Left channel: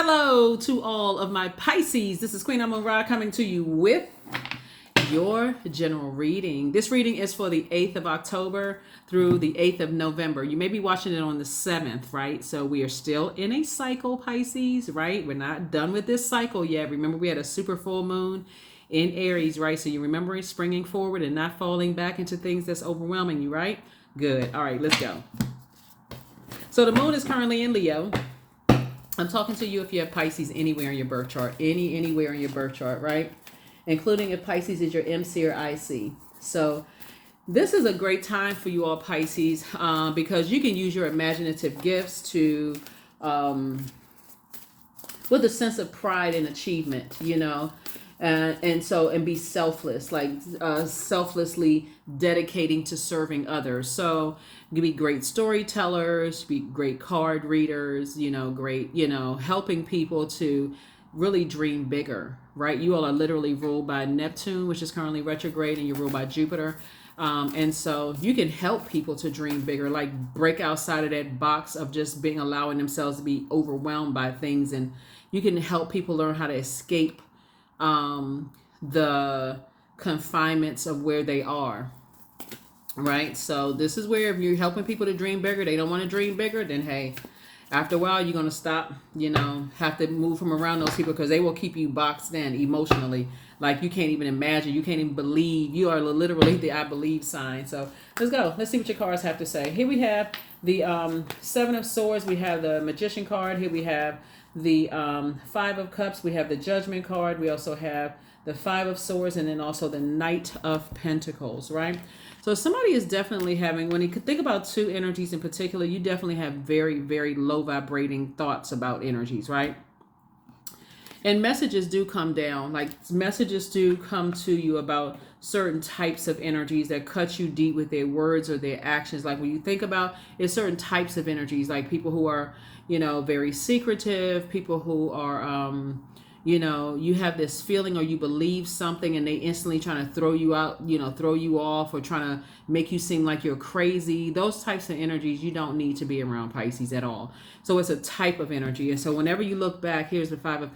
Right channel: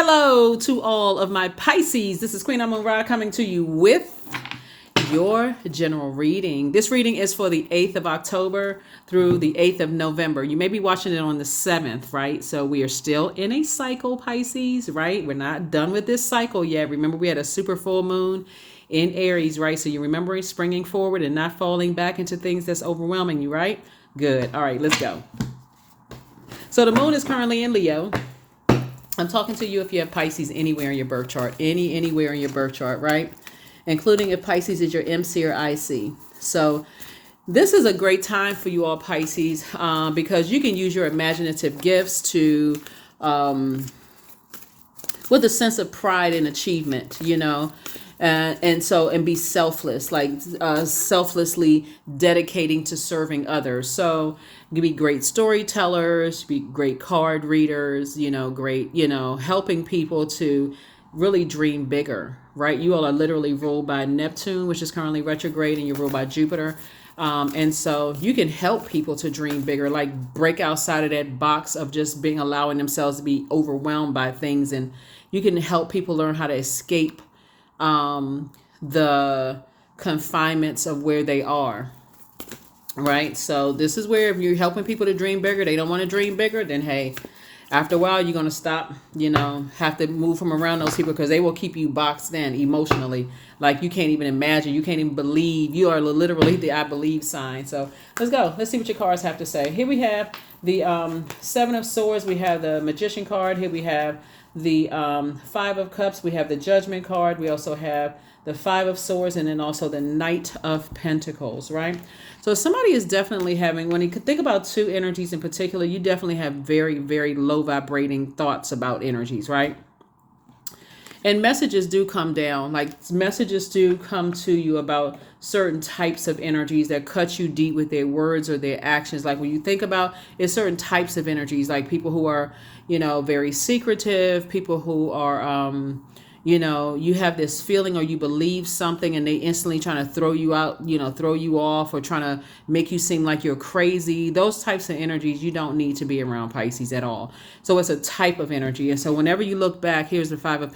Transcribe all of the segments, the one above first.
Hello to all of my Pisces. This is Queen Amun Ra coming to you with your general reading. This reading is for the 8th of October through the 8th of November. You may be watching it on the 7th, right? So we are still in a cycle, Pisces, right? We're not done with this cycle yet. Remember, we had a super full moon in Aries, right? So you're remembering springing forward and not falling back into things that's overwhelming you, right? Good. All right, let's go. So the moon is currently in Leo. I'm talking to you if you have Pisces anywhere in your birth chart, anywhere in your birth chart, right? Including if Pisces is your MC or IC. So this is a great time for you all Pisces because you can use your imaginative gifts to, with a sense of pride and achievement, you know, and be selfless, like selflessly dedicating to serving others. So you be great storytellers, be great card readers, great, helping people to really dream bigger, right? You all are literally ruled by Neptune, which is currently retrograde, and you're ruled by Jupiter. And so you can help people to dream bigger, like break outside of that box of just allowing themselves to be overwhelmed by things. And you can help people learn how to escape the confinements of where they are. Right. So this is where if you're helping people to dream bigger, they don't want to dream bigger, then hey, after a while, you're going to stop, have to move from around those people because they will keep you boxed in emotionally. Like you can't even imagine. You can't even believe. You are literally the I believe sign. So let's go. Let's see what your cards have to say. Here we have the Seven of Swords. We have the Magician card. Here we have the Five of Cups. We have the Judgment card. We also have the Five of Swords, and then also the Knight of Pentacles, right? So somebody is definitely having, when you could think about two energies in particular, you definitely have very, very low vibrating thoughts about energies, right? And messages do come down, like messages do come to you about certain types of energies that cut you deep with their words or their actions. Like when you think about it's certain types of energies, like people who are, very secretive, people who are, you have this feeling or you believe something and they instantly trying to throw you out, throw you off or trying to make you seem like you're crazy. Those types of energies you don't need to be around, Pisces, at all. So it's a type of energy. And so whenever you look back, here's the Five of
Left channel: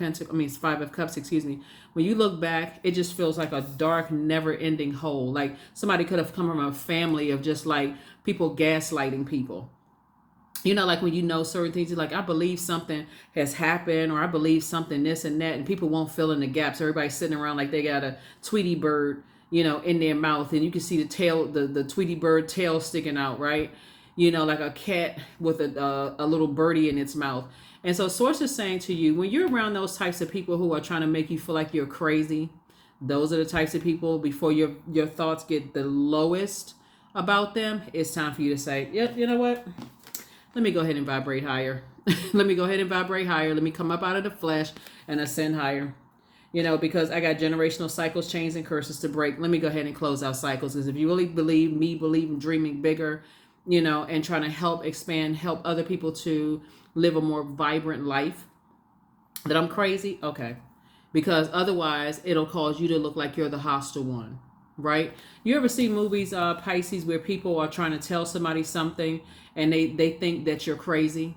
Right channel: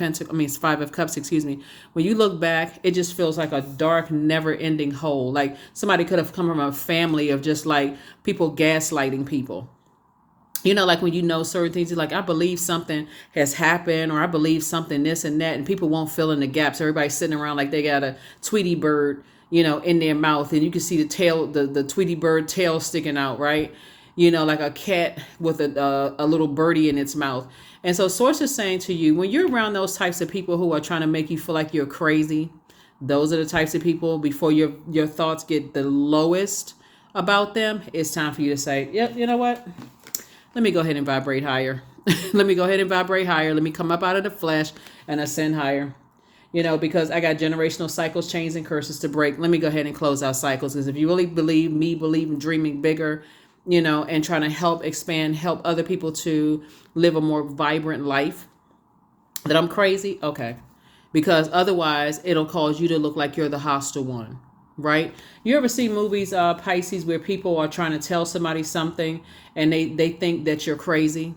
Cups, excuse me. When you look back, it just feels like a dark, never ending hole. Like somebody could have come from a family of just like people gaslighting people. Like when certain things, you're like, I believe something has happened, or I believe something this and that, and people won't fill in the gaps. Everybody's sitting around like they got a Tweety bird, in their mouth, and you can see the tail, the Tweety bird tail sticking out, right? Like a cat with a little birdie in its mouth. And so Source is saying to you, when you're around those types of people who are trying to make you feel like you're crazy, those are the types of people, before your thoughts get the lowest about them, it's time for you to say, yep, you know what? Let me go ahead and vibrate higher. Let me go ahead and vibrate higher. Let me come up out of the flesh and ascend higher. Because I got generational cycles, chains, and curses to break. Let me go ahead and close out cycles. Because if you really believe in dreaming bigger, and trying to help expand, help other people to live a more vibrant life, that I'm crazy, okay. Because otherwise, it'll cause you to look like you're the hostile one, right? You ever see movies, Pisces, where people are trying to tell somebody something and they think that you're crazy?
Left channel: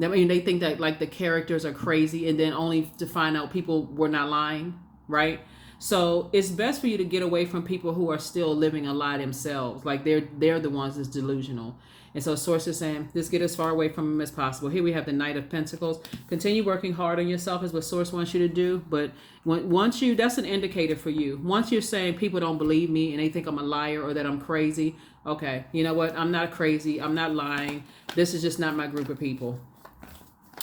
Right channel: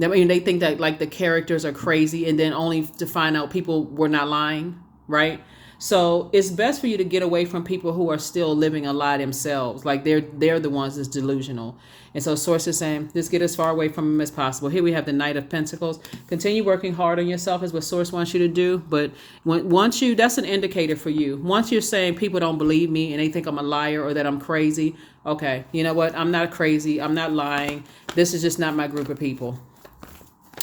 I mean, they think that like the characters are crazy, and then only to find out people were not lying, right? So it's best for you to get away from people who are still living a lie themselves. Like they're the ones that's delusional. And so Source is saying, just get as far away from them as possible. Here we have the Knight of Pentacles. Continue working hard on yourself is what Source wants you to do. But that's an indicator for you. Once you're saying people don't believe me and they think I'm a liar or that I'm crazy, okay, you know what? I'm not crazy. I'm not lying. This is just not my group of people.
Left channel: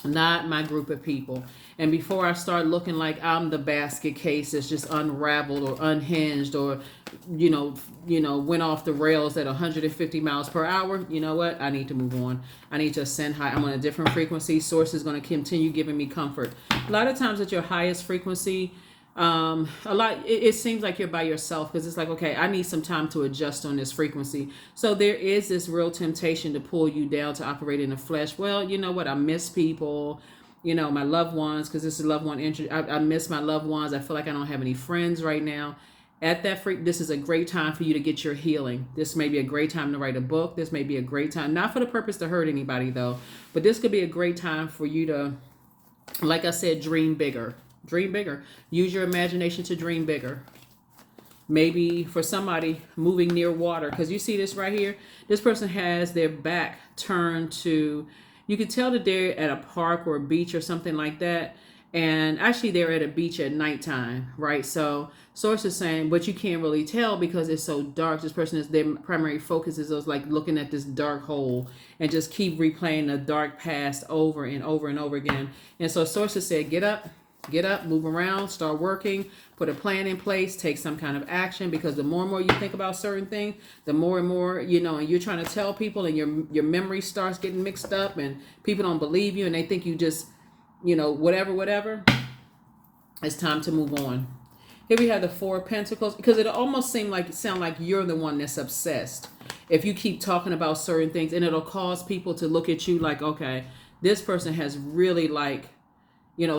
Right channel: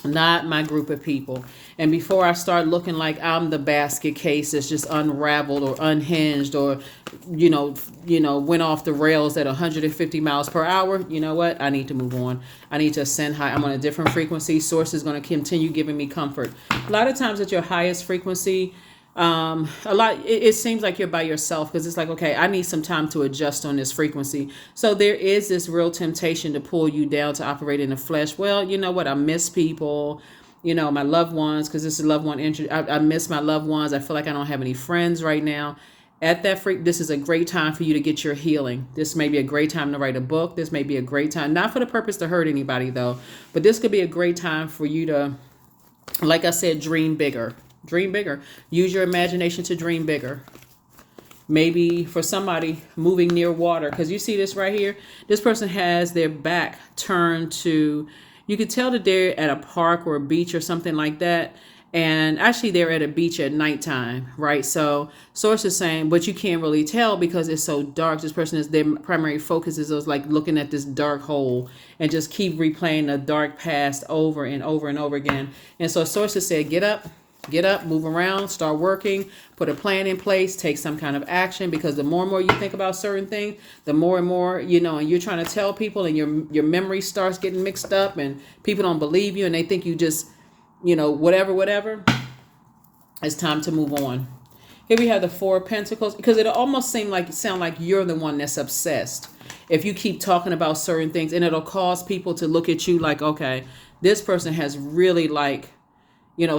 Not my group of people. And before I start looking like I'm the basket case that's just unraveled or unhinged or, went off the rails at 150 miles per hour, you know what? I need to move on. I need to ascend high. I'm on a different frequency. Source is going to continue giving me comfort. A lot of times at your highest frequency, it seems like you're by yourself because it's like, okay, I need some time to adjust on this frequency. So there is this real temptation to pull you down to operate in the flesh. Well, you know what? I miss people, my loved ones, because this is loved one interest. I miss my loved ones. I feel like I don't have any friends right now. At that this is a great time for you to get your healing. This may be a great time to write a book. This may be a great time, not for the purpose to hurt anybody though, but this could be a great time for you to Like I said, dream bigger. Dream bigger. Use your imagination to dream bigger. Maybe for somebody moving near water, because you see this right here, this person has their back turned to, you can tell that they're at a park or a beach or something like that. And actually they're at a beach at nighttime, right? So source is saying, but you can't really tell because it's so dark. This person is, their primary focus is like looking at this dark hole and just keep replaying the dark past over and over and over again. And so sources said, get up, move around, start working, put a plan in place, take some kind of action, because the more and more you think about certain things, the more and more, and you're trying to tell people and your memory starts getting mixed up and people don't believe you and they think you just, whatever. It's time to move on. Here we have the Four of Pentacles, because it almost sound like you're the one that's obsessed. If you keep talking about certain things, and it'll cause people to look at you like, okay, this person has really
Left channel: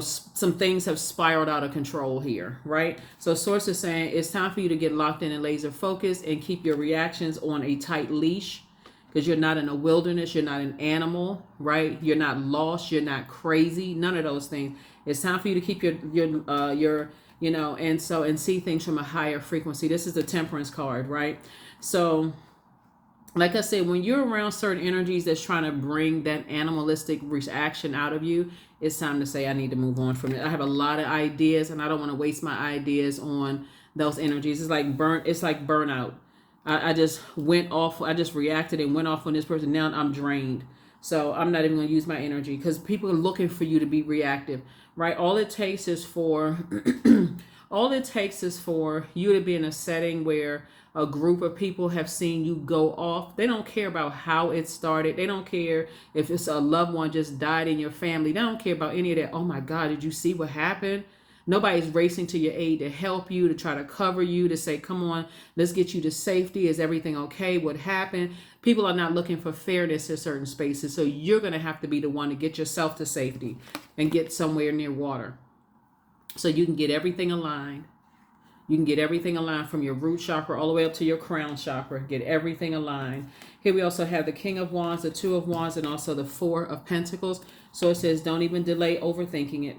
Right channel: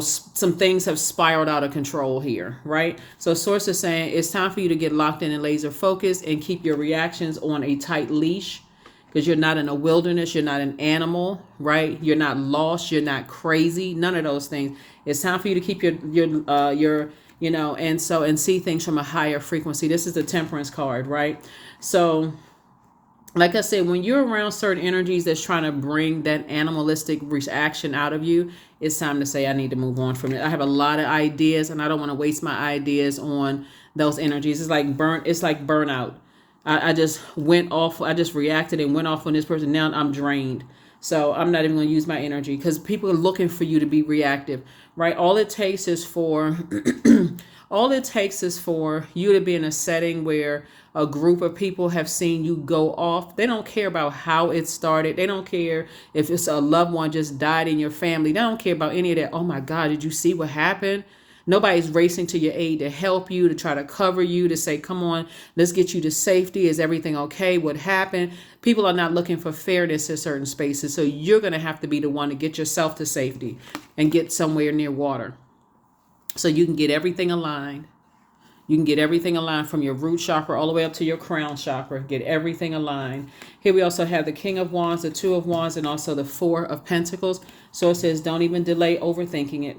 some things have spiraled out of control here, right? So source is saying it's time for you to get locked in and laser focused and keep your reactions on a tight leash, because you're not in a wilderness, you're not an animal, right? You're not lost, you're not crazy, none of those things. It's time for you to keep your and see things from a higher frequency. This is the Temperance card, right? So like I said, when you're around certain energies that's trying to bring that animalistic reaction out of you, it's time to say, I need to move on from it. I have a lot of ideas and I don't want to waste my ideas on those energies. It's like burnout. I just went off. I just reacted and went off on this person. Now I'm drained. So I'm not even going to use my energy, because people are looking for you to be reactive, right? All it takes is for you to be in a setting where a group of people have seen you go off. They don't care about how it started. They don't care if it's a loved one just died in your family. They don't care about any of that. Oh my God, did you see what happened? Nobody's racing to your aid to help you, to try to cover you, to say, come on, let's get you to safety. Is everything okay? What happened? People are not looking for fairness in certain spaces. So you're going to have to be the one to get yourself to safety and get somewhere near water so you can get everything aligned. You can get everything aligned from your root chakra all the way up to your crown chakra. Get everything aligned. Here we also have the King of Wands, the Two of Wands, and also the Four of Pentacles. So it says, don't even delay overthinking it.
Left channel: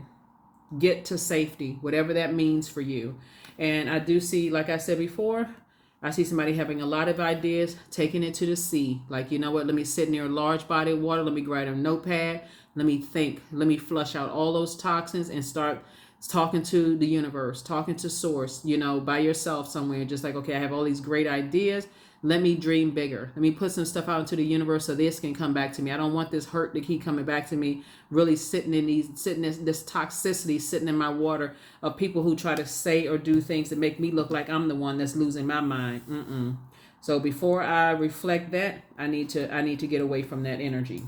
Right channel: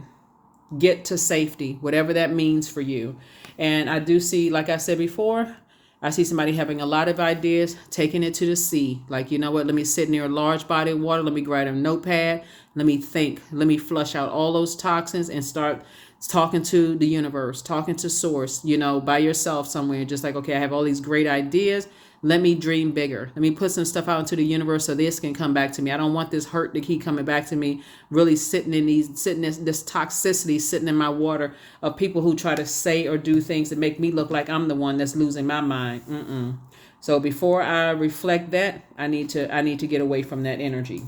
Get to safety, whatever that means for you. And I do see, like I said before, I see somebody having a lot of ideas, taking it to the sea. Like, you know what? Let me sit near a large body of water. Let me grab a notepad. Let me think. Let me flush out all those toxins and start talking to the universe, talking to source, by yourself somewhere. Just like, okay, I have all these great ideas. Let me dream bigger. Let me put some stuff out into the universe so this can come back to me. I don't want this hurt to keep coming back to me, really sitting in this toxicity sitting in my water of people who try to say or do things that make me look like I'm the one that's losing my mind. So before I reflect that, I need to get away from that energy.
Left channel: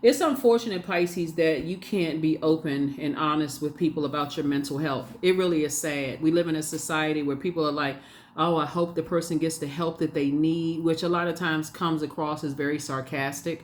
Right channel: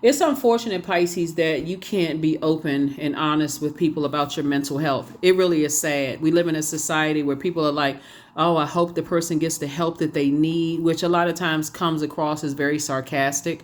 It's unfortunate, Pisces, that you can't be open and honest with people about your mental health. It really is sad. We live in a society where people are like, oh, I hope the person gets the help that they need, which a lot of times comes across as very sarcastic.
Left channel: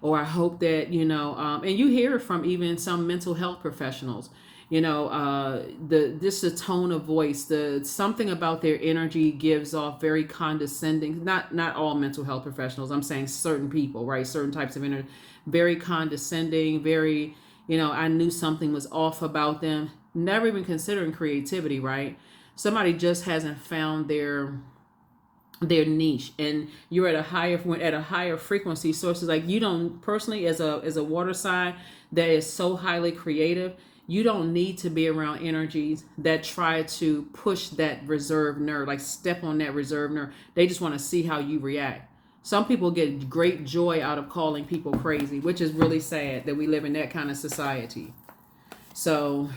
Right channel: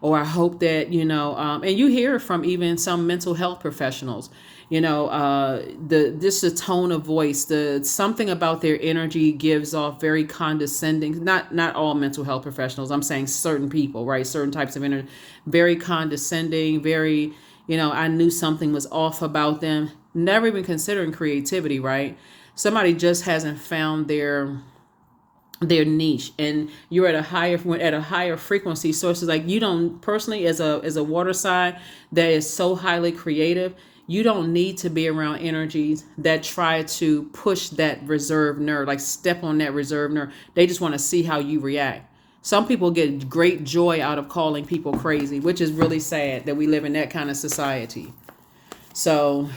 Or I hope that, and you hear it from even some mental health professionals, the tone of voice, something about their energy gives off very condescending. Not all mental health professionals. I'm saying certain people, right? Certain types of energy, very condescending, very, I knew something was off about them. Never even considering creativity, right? Somebody just hasn't found their niche, and you're at a higher frequency. Sources like, you don't personally, as a water sign that is so highly creative, you don't need to be around energies that try to push that reserve nerve, like step on that reserve nerve. They just want to see how you react. Some people get great joy out of calling people crazy, which is really sad that we live in that kind of society. So,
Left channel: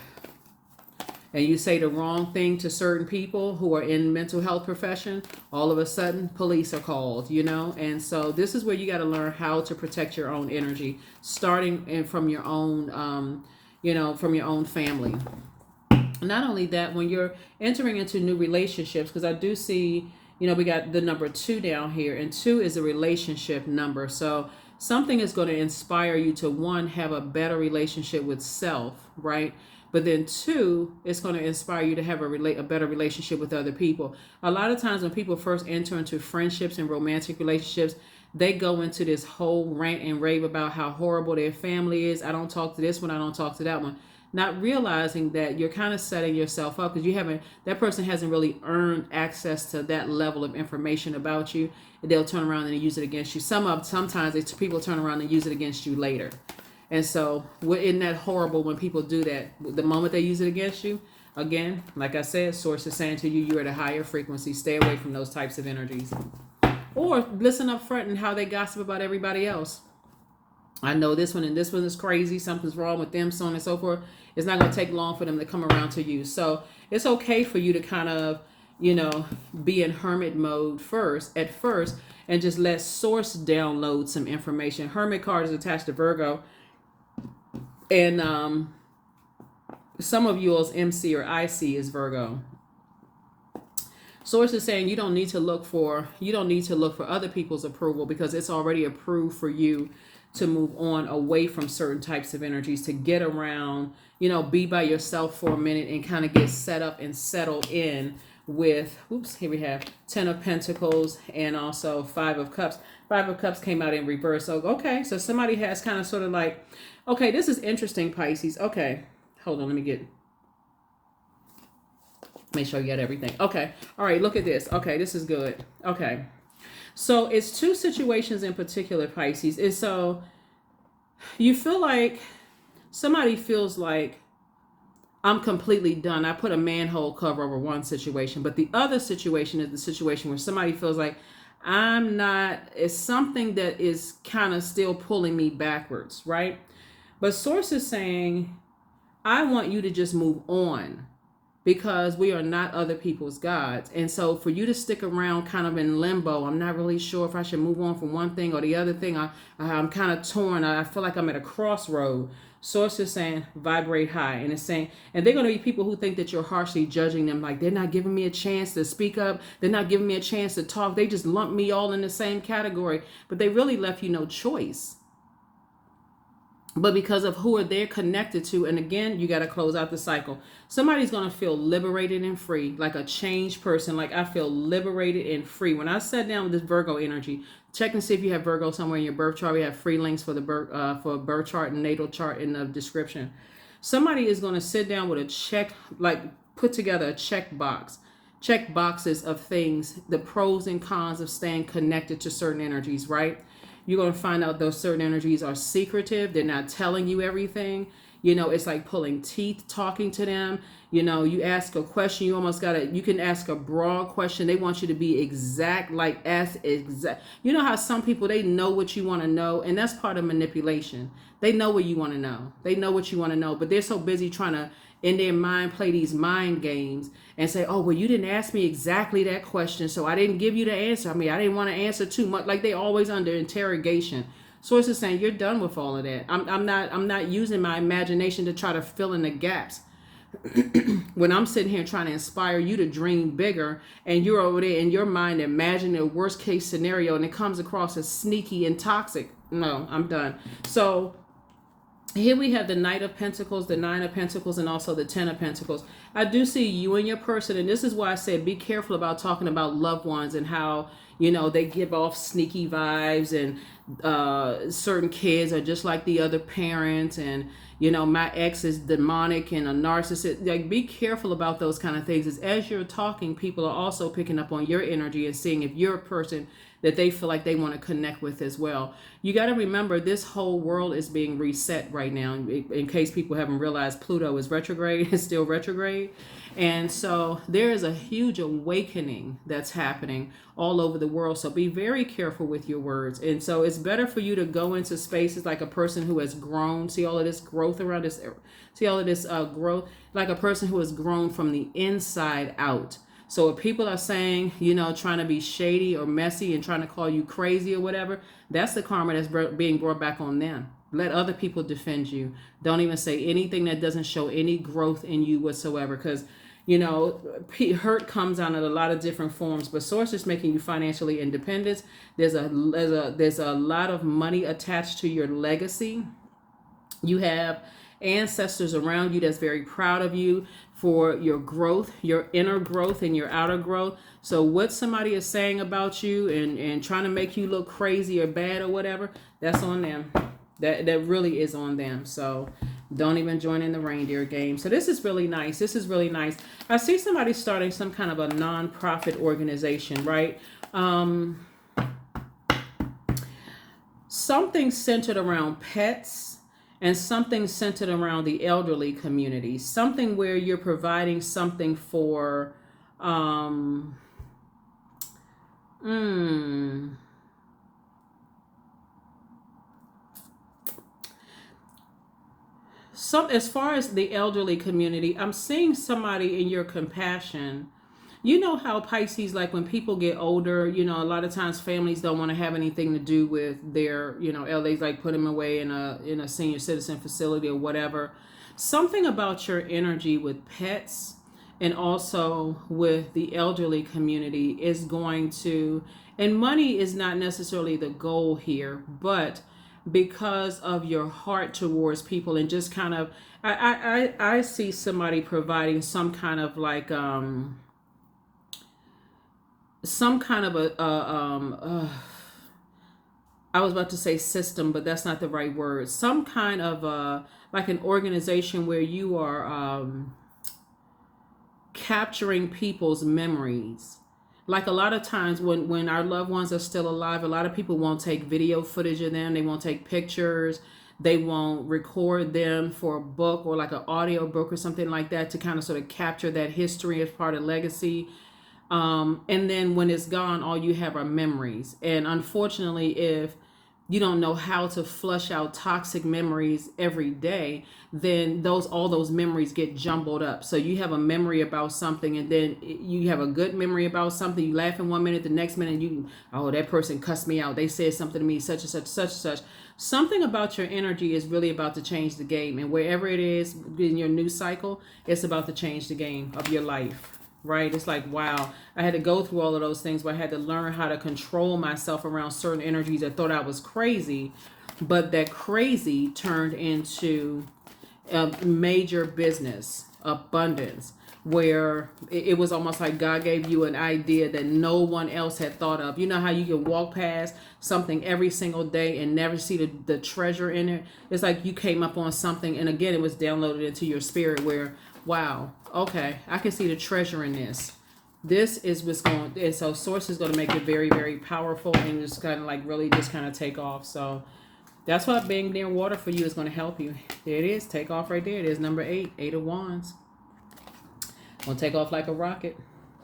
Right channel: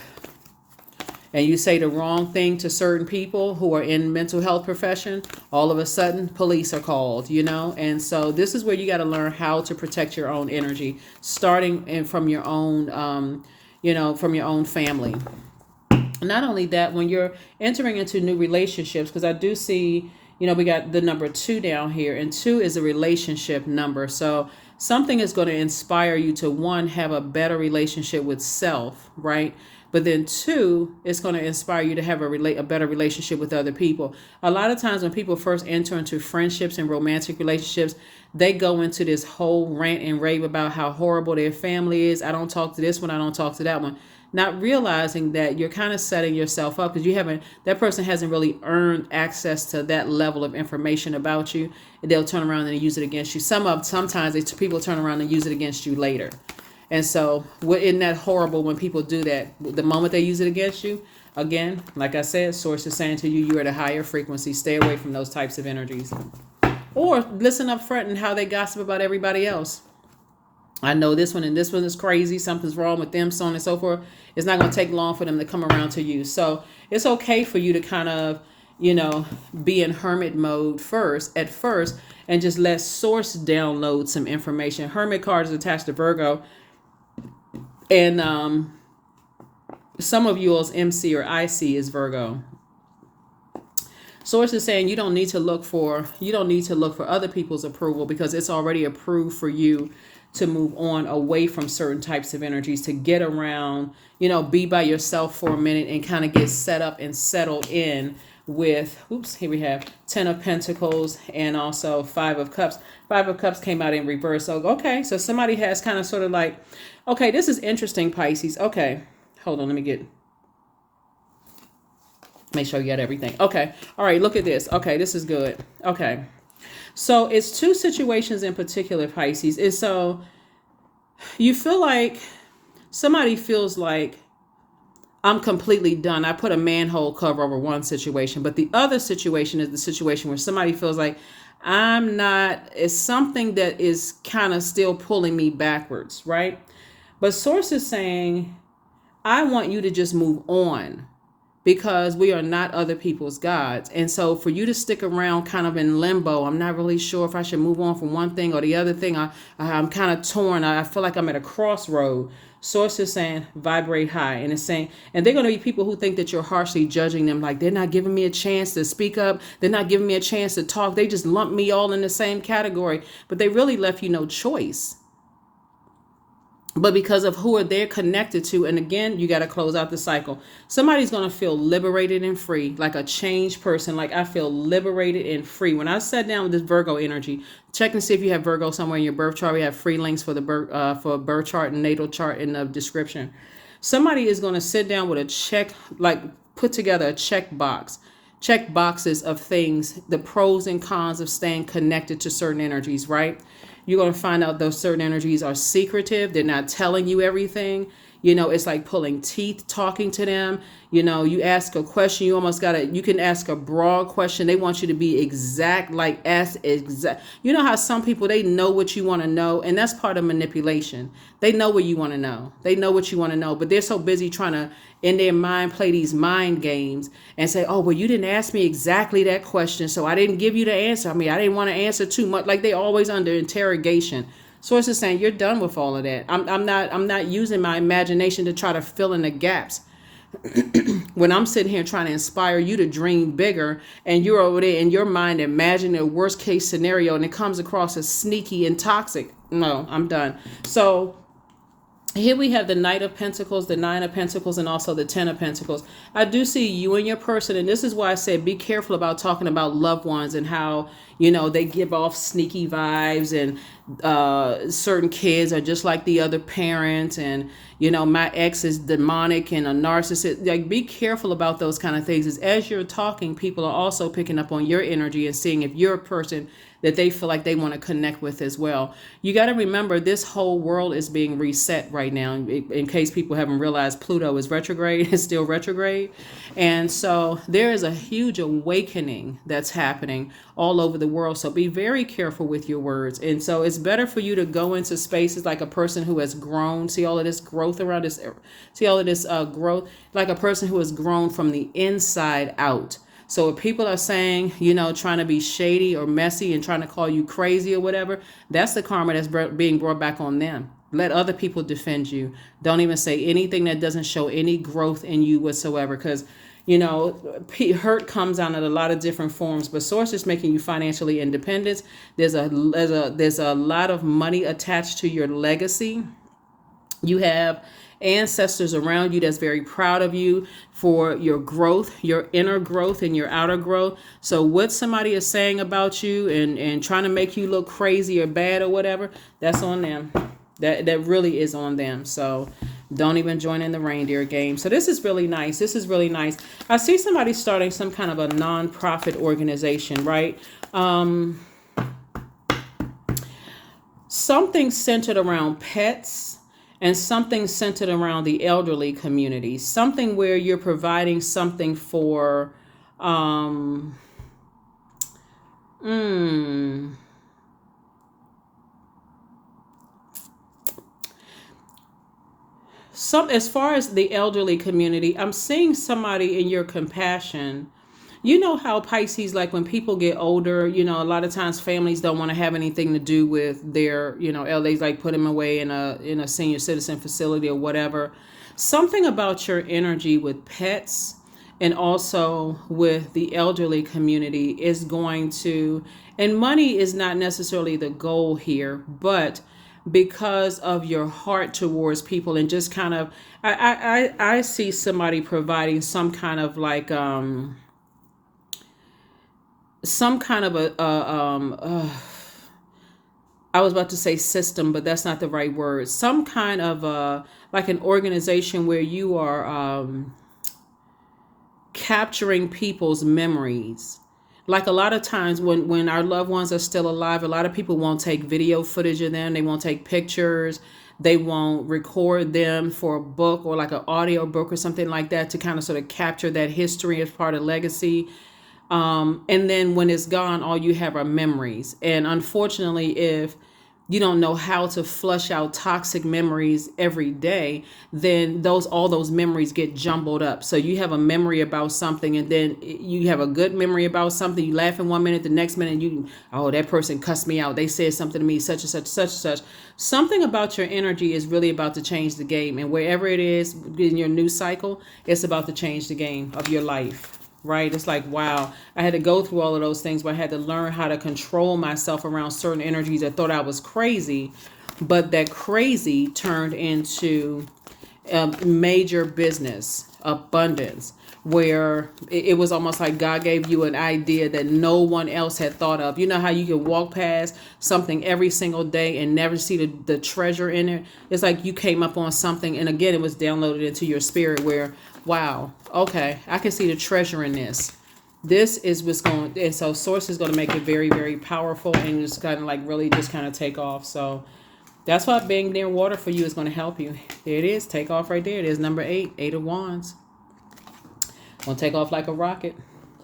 and you say the wrong thing to certain people who are in mental health profession, all of a sudden police are called, And so this is where you got to learn how to protect your own energy, starting from your own, from your own family. Not only that, when you're entering into new relationships, because I do see, we got the number 2 down here, and 2 is a relationship number. So something is going to inspire you to, 1, have a better relationship with self, right? But then 2, it's going to inspire you to have a better relationship with other people. A lot of times when people first enter into friendships and romantic relationships, they go into this whole rant and rave about how horrible their family is. I don't talk to this one, I don't talk to that one. Not realizing that you're kind of setting yourself up because you haven't, that person hasn't really earned access to that level of information about you. And they'll turn around and use it against you. Sometimes people turn around and use it against you later. And so, isn't that horrible when people do that? The moment they use it against you, again, like I said, source is saying to you, you're at a higher frequency. Stay away from those types of energies. Or listen up front and how they gossip about everybody else. I know this one and this one is crazy. Something's wrong with them, so on and so forth. It's not going to take long for them to come around to you. So it's okay for you to kind of, be in hermit mode at first, and just let source download some information. Hermit card is attached to Virgo. And some of yours MC or IC is Virgo. Source is saying you don't need to look for other people's approval because it's already approved for you to move on away from certain types of energies, to get around, be by yourself for a minute and kind of get set up and settled in with, here we have 10 of Pentacles and also 5 of Cups. 5 of Cups came out in reverse. So, okay, so somebody has kind of sort of like, okay, this is interesting, Pisces. Okay, hold on, let me make sure you got everything. Okay, all right, look at this. Okay, this is good. Okay. So it's two situations in particular, Pisces. And so you feel like somebody feels like I'm completely done. I put a manhole cover over one situation, but the other situation is the situation where somebody feels like I'm not, it's something that is kind of still pulling me backwards, right? But source is saying, I want you to just move on, because we are not other people's gods. And so for you to stick around kind of in limbo, I'm not really sure if I should move on from one thing or the other thing. I'm kind of torn. I feel like I'm at a crossroad. Source is saying vibrate high. And it's saying, and they're going to be people who think that you're harshly judging them. Like, they're not giving me a chance to speak up. They're not giving me a chance to talk. They just lump me all in the same category. But they really left you no choice. But because of who they're connected to, and again, you got to close out the cycle. Somebody's going to feel liberated and free, like a changed person. Like, I feel liberated and free. When I sat down with this Virgo energy, check and see if you have Virgo somewhere in your birth chart. We have free links for the birth chart and natal chart in the description. Somebody is going to sit down with a check, like put together a check boxes of things, the pros and cons of staying connected to certain energies, right? You're going to find out those certain energies are secretive. They're not telling you everything. It's like pulling teeth, talking to them. You ask a question, you can ask a broad question. They want you to be exact, like ask exact. You know how some people, they know what you want to know, and that's part of manipulation. They know what you want to know. They know what you want to know, but they're so busy trying to, in their mind, play these mind games and say, oh, well, you didn't ask me exactly that question, so I didn't give you the answer. I didn't want to answer too much. Like, they always under interrogation. Source is saying you're done with all of that. I'm not using my imagination to try to fill in the gaps. When I'm sitting here trying to inspire you to dream bigger, and you're over there in your mind imagining a worst case scenario, and it comes across as sneaky and toxic. No, I'm done. So here we have the Knight of Pentacles, the 9 of Pentacles, and also the 10 of Pentacles. I do see you and your person, and this is why I said be careful about talking about loved ones and how, they give off sneaky vibes, and certain kids are just like the other parent, and, my ex is demonic and a narcissist. Like, be careful about those kind of things. As you're talking, people are also picking up on your energy and seeing if you're a person that they feel like they want to connect with as well. You got to remember, this whole world is being reset right now. In case people haven't realized, Pluto is retrograde, is still retrograde. And so there is a huge awakening that's happening all over the world. So be very careful with your words. And so it's better for you to go into spaces like a person who has grown. See all of this growth around this, growth, like a person who has grown from the inside out. So if people are saying, trying to be shady or messy and trying to call you crazy or whatever, that's the karma that's being brought back on them. Let other people defend you. Don't even say anything that doesn't show any growth in you whatsoever, because, hurt comes out in a lot of different forms. But source is making you financially independent. There's a lot of money attached to your legacy. You have ancestors around you that's very proud of you for your growth, your inner growth and your outer growth. So what somebody is saying about you and trying to make you look crazy or bad or whatever, that's on them. That really is on them. So don't even join in the reindeer game. So this is really nice. This is really nice. I see somebody starting some kind of a non-profit organization, right? Something centered around pets and something centered around the elderly community. Something where you're providing something for some, as far as the elderly community, I'm seeing somebody in your compassion. You know how Pisces, like when people get older, a lot of times families don't want to have anything to do with their, elders, like put them away in a senior citizen facility or whatever. Something about your energy with pets and also with the elderly community is going to, and money is not necessarily the goal here, but because of your heart towards people and just kind of, I see somebody providing some kind of like, some kind of I was about to say system, but that's not the right word. Some kind of like an organization where you are capturing people's memories. Like a lot of times when our loved ones are still alive, a lot of people won't take video footage of them. They won't take pictures. They won't record them for a book or like an audio book or something like that to kind of sort of capture that history as part of legacy. And then when it's gone, all you have are memories. And unfortunately, if you don't know how to flush out toxic memories every day, then all those memories get jumbled up. So you have a memory about something, and then you have a good memory about something. You laugh in 1 minute, the next minute that person cussed me out. They said something to me, such and such, such and such. Something about your energy is really about to change the game. And wherever it is in your new cycle, it's about to change the game of your life. Right? It's like, wow, I had to go through all of those things where I had to learn how to control myself around certain energies. I thought I was crazy, but that crazy turned into a major business, abundance, where it was almost like God gave you an idea that no one else had thought of. You know how you can walk past something every single day and never see the treasure in it? It's like you came up on something, and again, it was downloaded into your spirit where, wow, okay, I can see the treasure in this. This is what's going, and so Source is going to make it very, very powerful and just kind of like really just kind of take off. So that's why being near water for you is going to help you. There it is, take off right there. It is number 8 of Wands. Going to take off like a rocket.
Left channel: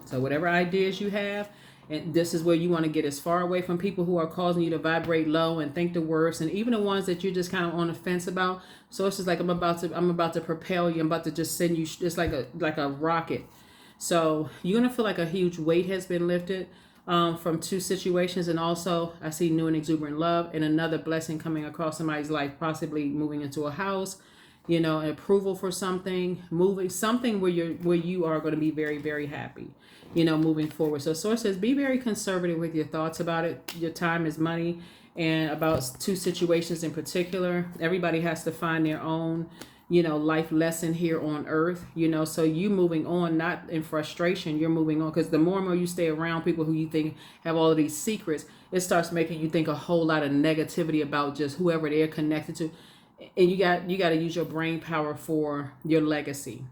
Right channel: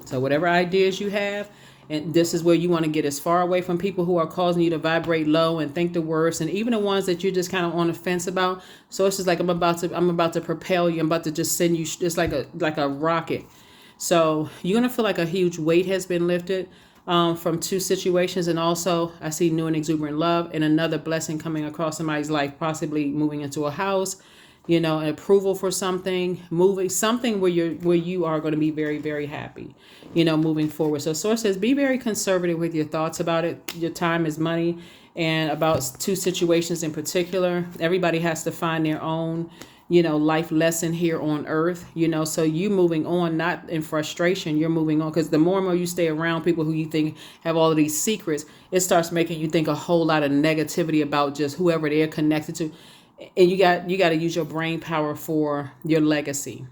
So whatever ideas you have, and this is where you want to get as far away from people who are causing you to vibrate low and think the worst, and even the ones that you're just kind of on the fence about. So it's just like I'm about to propel you. I'm about to just send you. It's like a rocket. So you're gonna feel like a huge weight has been lifted from 2 situations, and also I see new and exuberant love and another blessing coming across somebody's life, possibly moving into a house. An approval for something, moving something where you are going to be very, very happy, moving forward. So Source says, be very conservative with your thoughts about it. Your time is money, and about 2 situations in particular. Everybody has to find their own, life lesson here on earth, so you moving on, not in frustration, you're moving on, because the more and more you stay around people who you think have all of these secrets, it starts making you think a whole lot of negativity about just whoever they're connected to. And you got to use your brain power for your legacy.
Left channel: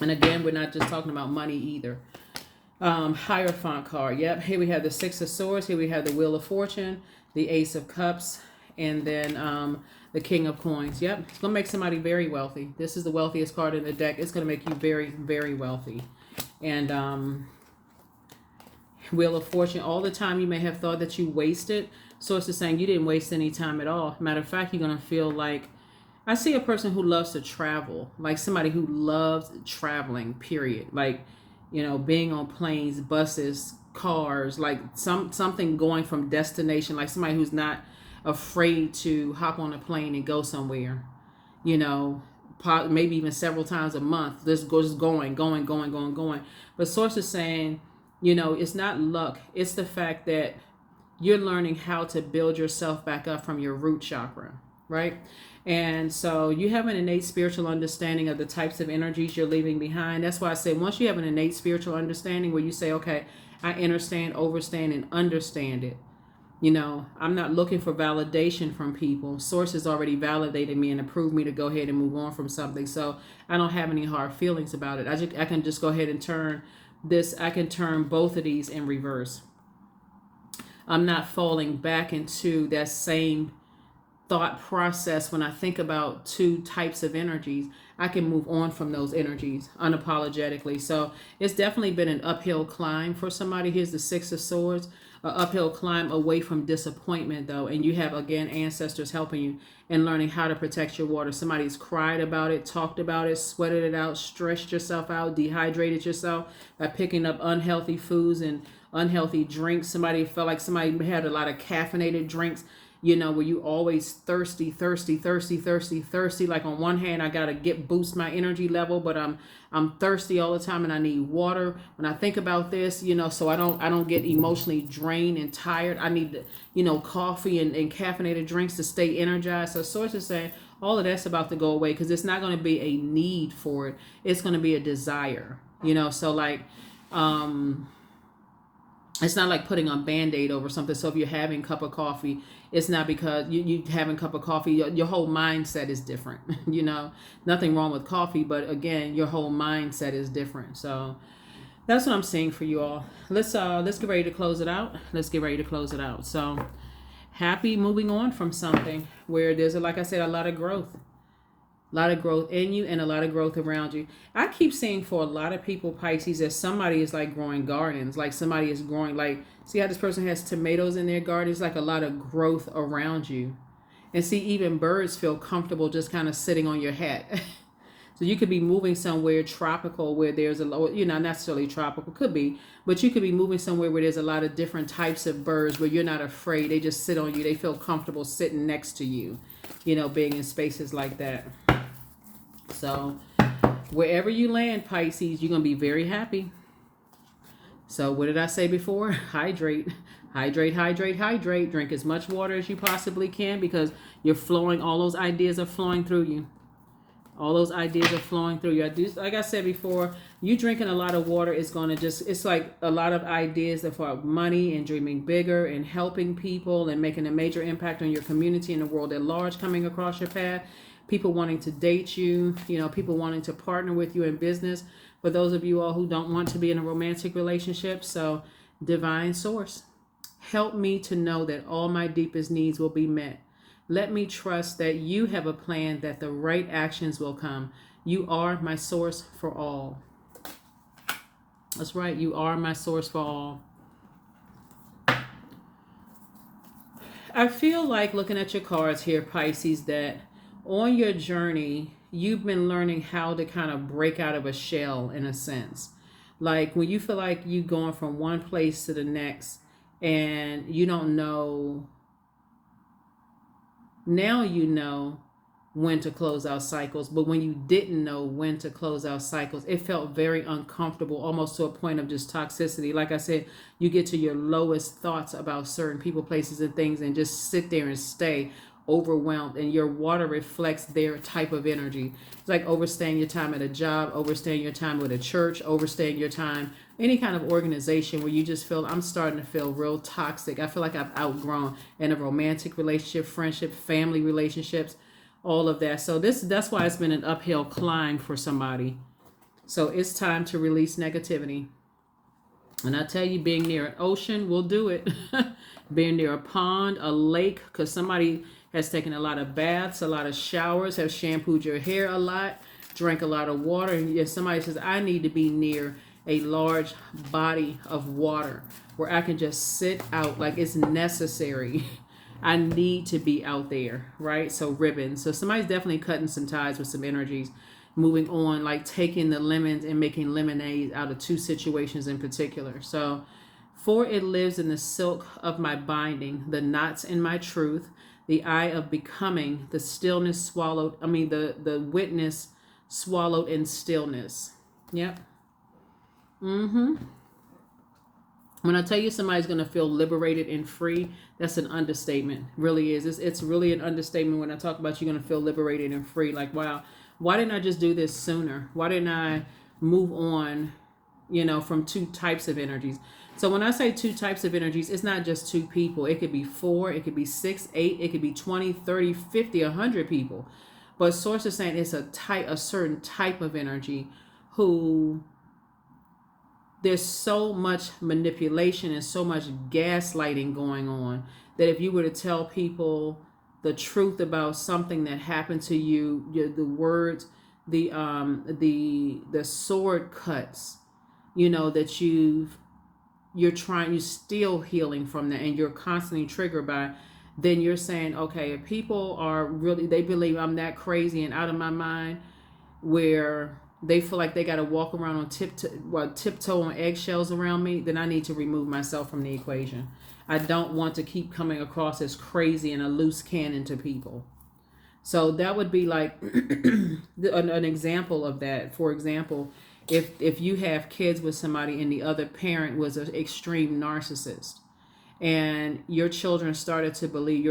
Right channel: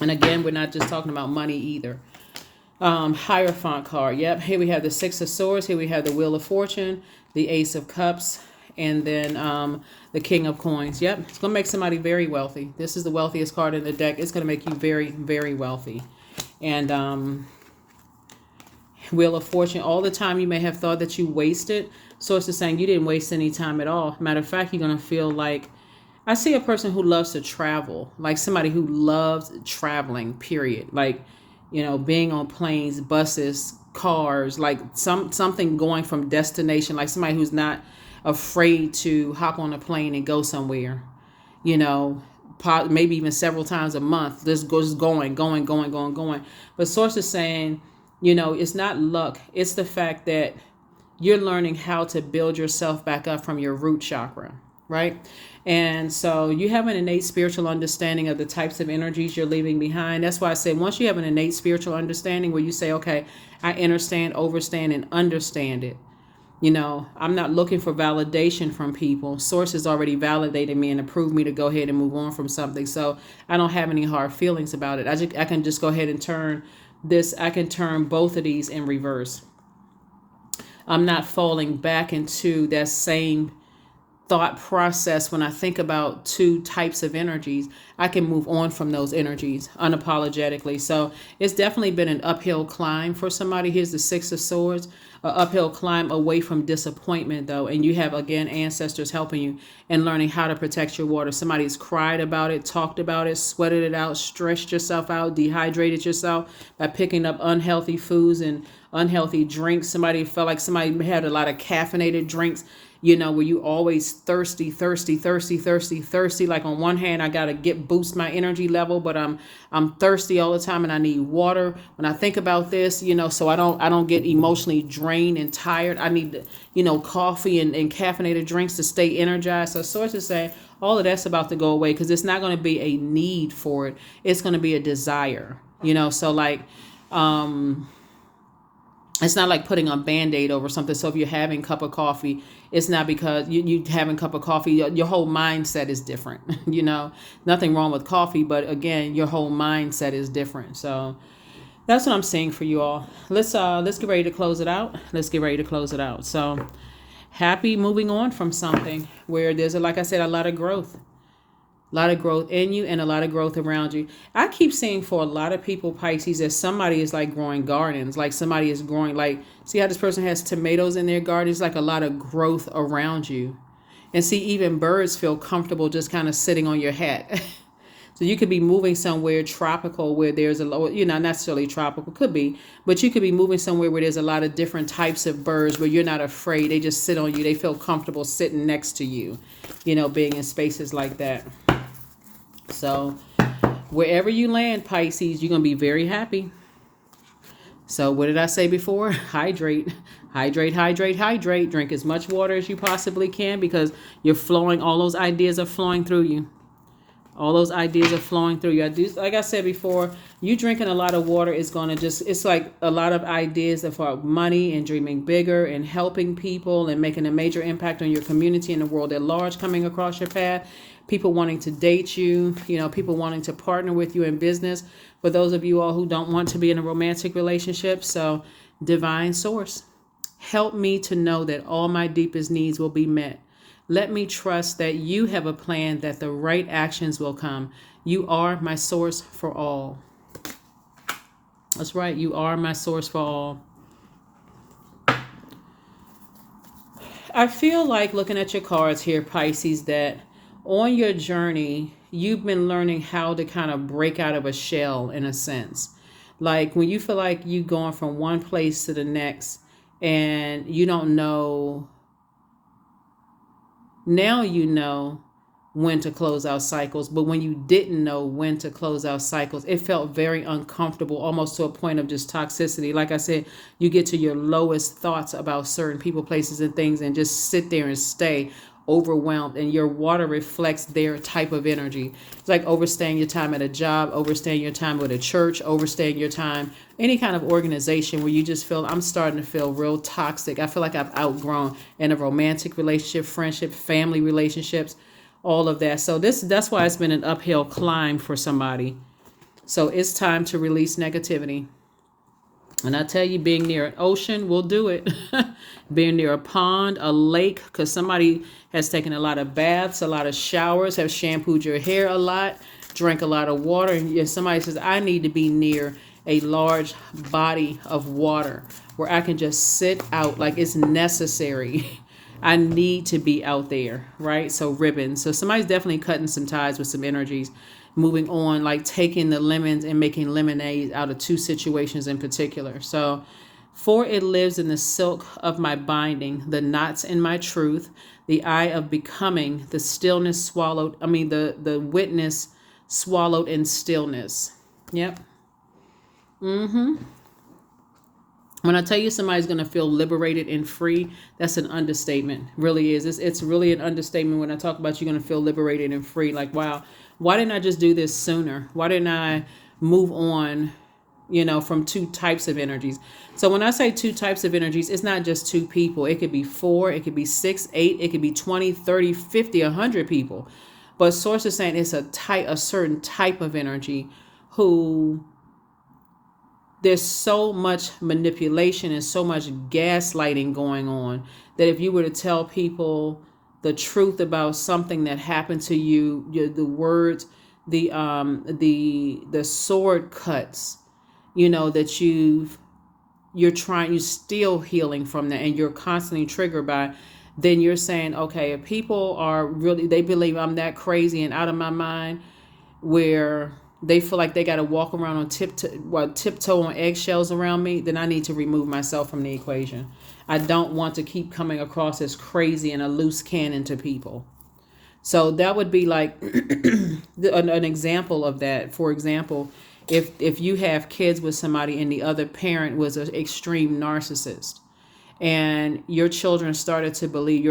And again, we're not just talking about money either. Hierophant card. Yep. Here we have the 6 of Swords. Here we have the Wheel of Fortune, the Ace of Cups, and then the King of Coins. Yep. It's going to make somebody very wealthy. This is the wealthiest card in the deck. It's going to make you very, very wealthy. And Wheel of Fortune. All the time you may have thought that you wasted. Source is saying you didn't waste any time at all. Matter of fact, you're going to feel like, I see a person who loves to travel, like somebody who loves traveling, period. Like, being on planes, buses, cars, like something going from destination, like somebody who's not afraid to hop on a plane and go somewhere, maybe even several times a month, just going. But Source is saying, it's not luck. It's the fact that you're learning how to build yourself back up from your root chakra, right? And so you have an innate spiritual understanding of the types of energies you're leaving behind. That's why I say once you have an innate spiritual understanding where you say, okay, I understand, overstand, and understand it. I'm not looking for validation from people. Source has already validated me and approved me to go ahead and move on from something. So I don't have any hard feelings about it. I can just go ahead and I can turn both of these in reverse. I'm not falling back into that same thought process when I think about two types of energies. I can move on from those energies unapologetically. So it's definitely been an uphill climb for somebody. Here's the Six of Swords, an uphill climb away from disappointment, though. And you have, again, ancestors helping you and learning how to protect your water. Somebody's cried about it, talked about it, sweated it out, stressed yourself out, dehydrated yourself by picking up unhealthy foods and unhealthy drinks. Somebody felt like somebody had a lot of caffeinated drinks, where you always thirsty. Like on one hand, I gotta boost my energy level, but I'm thirsty all the time and I need water. When I think about this, so I don't get emotionally drained and tired. I need, coffee and caffeinated drinks to stay energized. So sources say all of that's about to go away because it's not going to be a need for it. It's going to be a desire, so like, it's not like putting a Band-Aid over something. So if you're having a cup of coffee, it's not because you having a cup of coffee, your whole mindset is different. Nothing wrong with coffee, but again, your whole mindset is different. So that's what I'm seeing for you all. Let's get ready to close it out. So happy moving on from something where there's, like I said, a lot of growth. A lot of growth in you and a lot of growth around you. I keep seeing for a lot of people, Pisces, that somebody is like growing gardens. Like somebody is growing, like, see how this person has tomatoes in their garden? It's like a lot of growth around you. And see, even birds feel comfortable just kind of sitting on your hat. So you could be moving somewhere tropical where there's not necessarily tropical, could be, but you could be moving somewhere where there's a lot of different types of birds where you're not afraid. They just sit on you. They feel comfortable sitting next to you, being in spaces like that. So wherever you land, Pisces, you're going to be very happy. So what did I say before? Hydrate. Drink as much water as you possibly can because you're flowing. All those ideas are flowing through you. Like I said before, you drinking a lot of water is going to it's like a lot of ideas for money and dreaming bigger and helping people and making a major impact on your community and the world at large coming across your path. People wanting to date you, people wanting to partner with you in business. For those of you all who don't want to be in a romantic relationship, so divine source, help me to know that all my deepest needs will be met. Let me trust that you have a plan, that the right actions will come. You are my source for all. That's right. You are my source for all. I feel like looking at your cards here, Pisces, that on your journey, you've been learning how to kind of break out of a shell in a sense. Like when you feel like you going from one place to the next and you don't know, now you know when to close out cycles, but when you didn't know when to close out cycles, it felt very uncomfortable, almost to a point of just toxicity. Like I said, you get to your lowest thoughts about certain people, places, and things and just sit there and stay overwhelmed, and your water reflects their type of energy. It's like overstaying your time at a job, overstaying your time with a church, overstaying your time any kind of organization where you just feel, I'm starting to feel real toxic. I feel like I've outgrown in a romantic relationship, friendship, family relationships, all of that. So that's why it's been an uphill climb for somebody. So it's time to release negativity. And I tell you, being near an ocean will do it. Being near a pond, a lake, because somebody has taken a lot of baths, a lot of showers, have shampooed your hair a lot, drank a lot of water, and somebody says, I need to be near a large body of water where I can just sit out like it's necessary. I need to be out there, right? So ribbons. So somebody's definitely cutting some ties with some energies, moving on, like taking the lemons and making lemonade out of two situations in particular. So, for it lives in the silk of my binding, the knots in my truth, the eye of becoming, the stillness swallowed, the witness swallowed in stillness. Yep. When I tell you somebody's going to feel liberated and free, that's an understatement. Really is. It's really an understatement when I talk about you're going to feel liberated and free. Like, wow, why didn't I just do this sooner? Why didn't I move on, from two types of energies? So when I say two types of energies, it's not just two people. It could be four, it could be 6, 8, it could be 20, 30, 50, 100 people. But Source is saying it's a certain type of energy who there's so much manipulation and so much gaslighting going on that if you were to tell people the truth about something that happened to you, the words, the sword cuts, that you're still healing from that, and you're constantly triggered by, then you're saying, okay, if people are really, they believe I'm that crazy and out of my mind, where they feel like they got to walk around on tiptoe on eggshells around me, then I need to remove myself from the equation. I don't want to keep coming across as crazy and a loose cannon to people. So that would be like an example of that. For example, if you have kids with somebody and the other parent was an extreme narcissist, and your adult children started to believe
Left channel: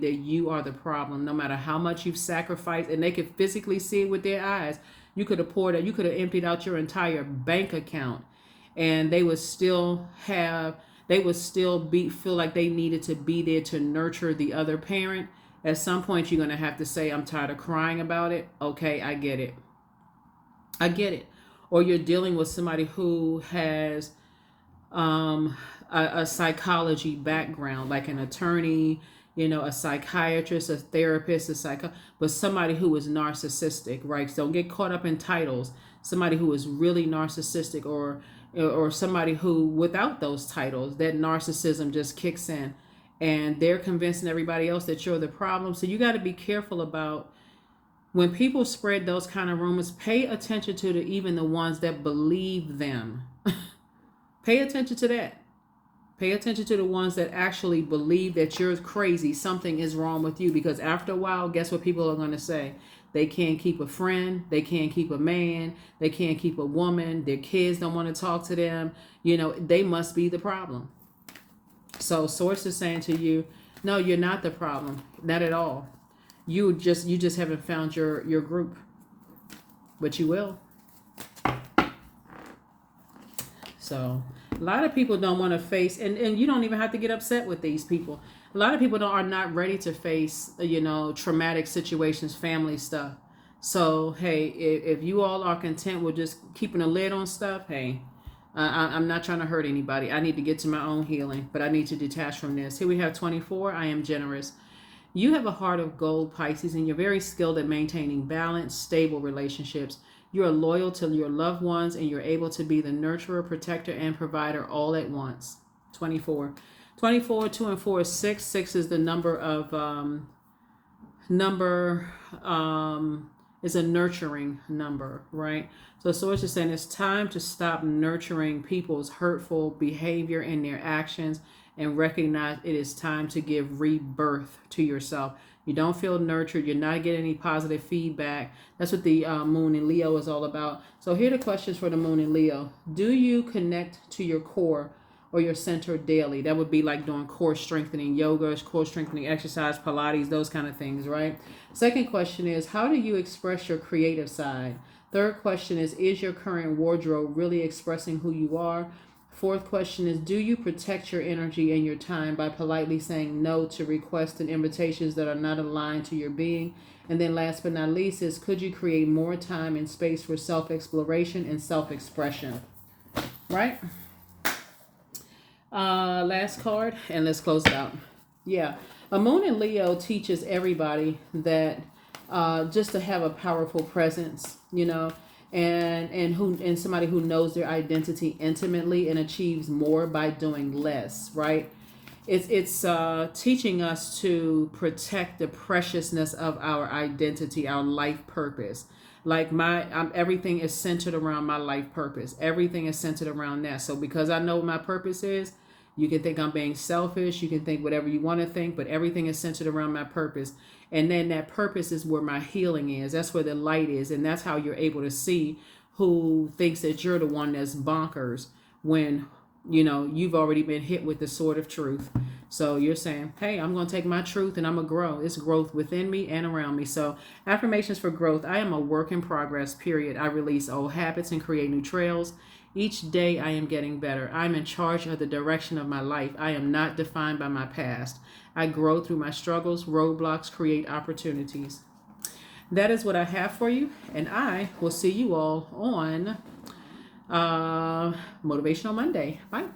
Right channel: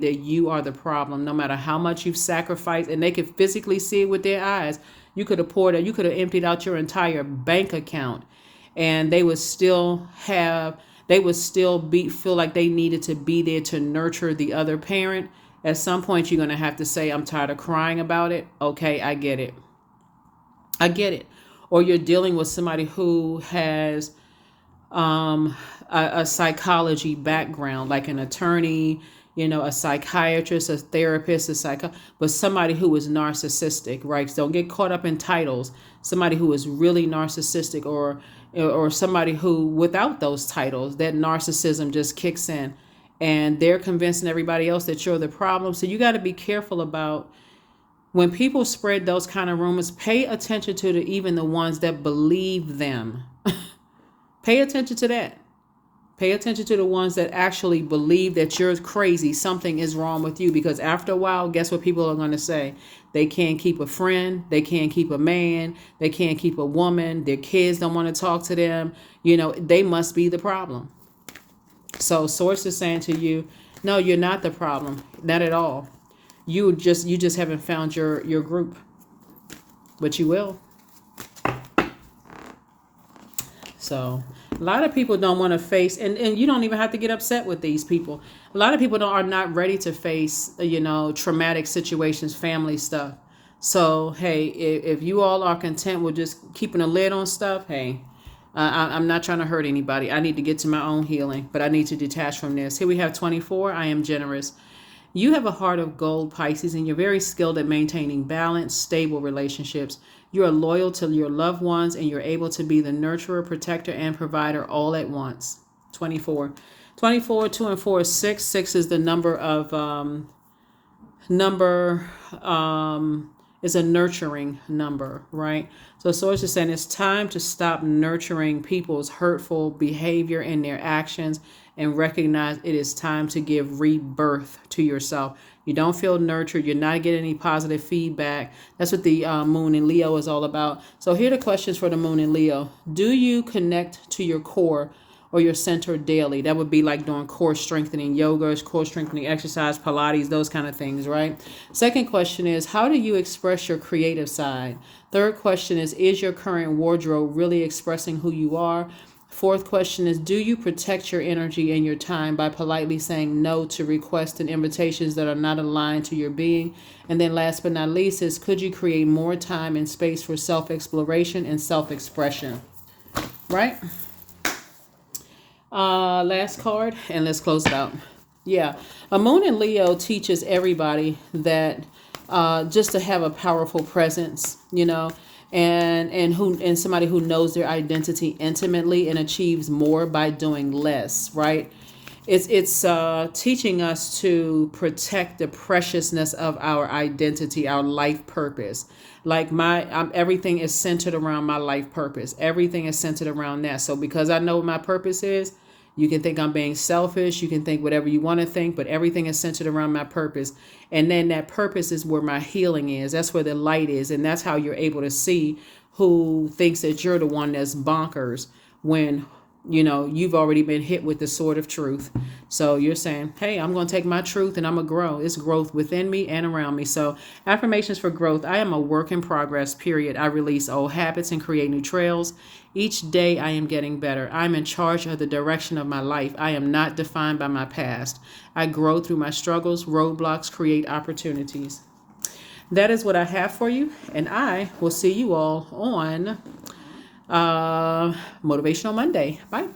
that you are the problem, no matter how much you've sacrificed, and they could physically see it with their eyes. You could have emptied out your entire bank account, and they would still feel like they needed to be there to nurture the other parent. At some point, you're going to have to say, I'm tired of crying about it. Okay, I get it. Or you're dealing with somebody who has a psychology background, like an attorney, a psychiatrist, a therapist, but somebody who is narcissistic, right? So don't get caught up in titles. Somebody who is really narcissistic, or somebody who, without those titles, that narcissism just kicks in, and they're convincing everybody else that you're the problem. So you got to be careful about when people spread those kind of rumors. Pay attention to even the ones that believe them. Pay attention to that. Pay attention to the ones that actually believe that you're crazy, something is wrong with you. Because after a while, guess what people are going to say? They can't keep a friend. They can't keep a man. They can't keep a woman. Their kids don't want to talk to them. They must be the problem. So Source is saying to you, no, you're not the problem. Not at all. You just haven't found your group. But you will. So a lot of people don't want to face, and you don't even have to get upset with these people. A lot of people are not ready to face, traumatic situations, family stuff. So, hey, if you all are content with just keeping a lid on stuff, hey, I'm not trying to hurt anybody. I need to get to my own healing, but I need to detach from this. Here we have 24. I am generous. You have a heart of gold, Pisces, and you're very skilled at maintaining balanced, stable relationships. You are loyal to your loved ones, and you're able to be the nurturer, protector, and provider all at once. 24. 24, 2 and 4 is 6. 6 is the number of, is a nurturing number, right? So Source is saying it's time to stop nurturing people's hurtful behavior and their actions, and recognize it is time to give rebirth to yourself. You don't feel nurtured. You're not getting any positive feedback. That's what the moon in Leo is all about. So here are the questions for the moon in Leo. Do you connect to your core or your center daily? That would be like doing core strengthening yoga, core strengthening exercise, Pilates, those kind of things, right? Second question is, how do you express your creative side? Third question is your current wardrobe really expressing who you are? Fourth question is, do you protect your energy and your time by politely saying no to requests and invitations that are not aligned to your being? And then last but not least is, could you create more time and space for self-exploration and self-expression? Right? Last card, and let's close it out. Yeah. A moon in Leo teaches everybody that just to have a powerful presence, and somebody who knows their identity intimately and achieves more by doing less, right? It's teaching us to protect the preciousness of our identity, our life purpose. Like everything is centered around my life purpose. Everything is centered around that. So because I know what my purpose is, you can think I'm being selfish. You can think whatever you want to think, but everything is centered around my purpose. And then that purpose is where my healing is. That's where the light is. And that's how you're able to see who thinks that you're the one that's bonkers when you've already been hit with the sword of truth. So you're saying, hey, I'm going to take my truth and I'm going to grow. It's growth within me and around me. So affirmations for growth. I am a work in progress, period. I release old habits and create new trails. Each day I am getting better. I'm in charge of the direction of my life. I am not defined by my past. I grow through my struggles. Roadblocks create opportunities. That is what I have for you. And I will see you all on Motivational Monday. Bye.